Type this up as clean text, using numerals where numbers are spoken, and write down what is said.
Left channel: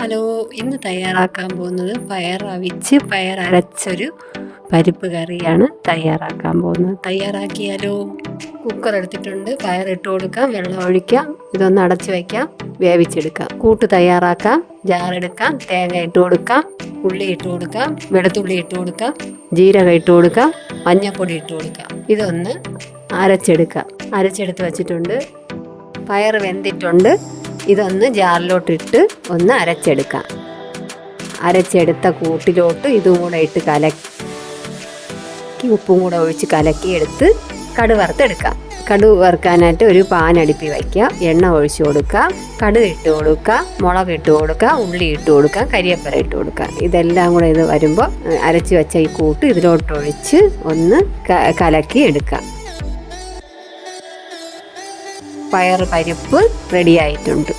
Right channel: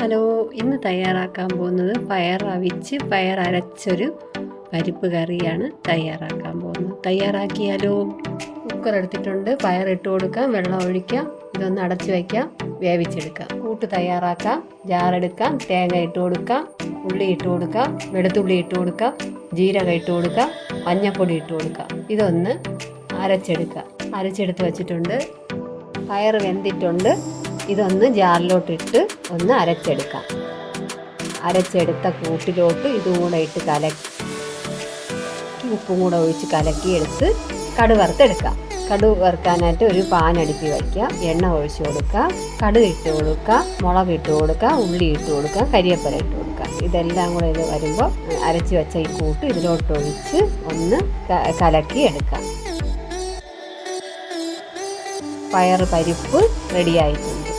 Hello, ഇന്ന് തയ്യാറാക്കാൻ പോകുന്നത് പയർ അവിച്ച് പയർ അരച്ചൊരു പരിപ്പ് കറിയാണ് തയ്യാറാക്കാൻ പോകുന്നത്. തയ്യാറാക്കിയാലോ? കുക്കർ എടുത്തിട്ടുണ്ട്, പയർ ഇട്ട് കൊടുക്കാം, വെള്ളം ഒഴിക്കാം, ഇതൊന്ന് അടച്ചു വയ്ക്കാം, വേവിച്ചെടുക്കാം. കൂട്ട് തയ്യാറാക്കാം. ജാറെടുക്കാം, തേങ്ങ ഇട്ട് കൊടുക്കാം, ഉള്ളി ഇട്ട് കൊടുക്കാം, വെളുത്തുള്ളി ഇട്ട് കൊടുക്കാം, ജീരകം ഇട്ട് കൊടുക്കാം, മഞ്ഞൾപ്പൊടി ഇട്ട് കൊടുക്കാം. ഇതൊന്ന് അരച്ചെടുക്കാം. അരച്ചെടുത്ത് വച്ചിട്ടുണ്ട്. പയർ വെന്തിട്ടുണ്ട്. ഇതൊന്ന് ജാറിലോട്ടിട്ട് ഒന്ന് അരച്ചെടുക്കാം. അരച്ചെടുത്ത കൂട്ടിലോട്ട് ഇതും കൂടെ ഇട്ട് കലക്കി ഉപ്പും കൂടെ ഒഴിച്ച് കലക്കിയെടുത്ത് കടുക് വറുത്തെടുക്കാം. കടുക് വറുക്കാനായിട്ട് ഒരു പാൻ അടുപ്പി വയ്ക്കുക. എണ്ണ ഒഴിച്ച് കൊടുക്കുക, കടുക് ഇട്ട് കൊടുക്കുക, മുളക് ഇട്ട് കൊടുക്കുക, ഉള്ളി ഇട്ട് കൊടുക്കുക, കരിവേപ്പില ഇട്ട് കൊടുക്കുക. ഇതെല്ലാം കൂടെ ഇത് വരുമ്പോൾ അരച്ച് വെച്ച ഈ കൂട്ട് ഇതിലോട്ടൊഴിച്ച് ഒന്ന് കലക്കി എടുക്കാം. പയർ പരിപ്പ് റെഡിയായിട്ടുണ്ട്.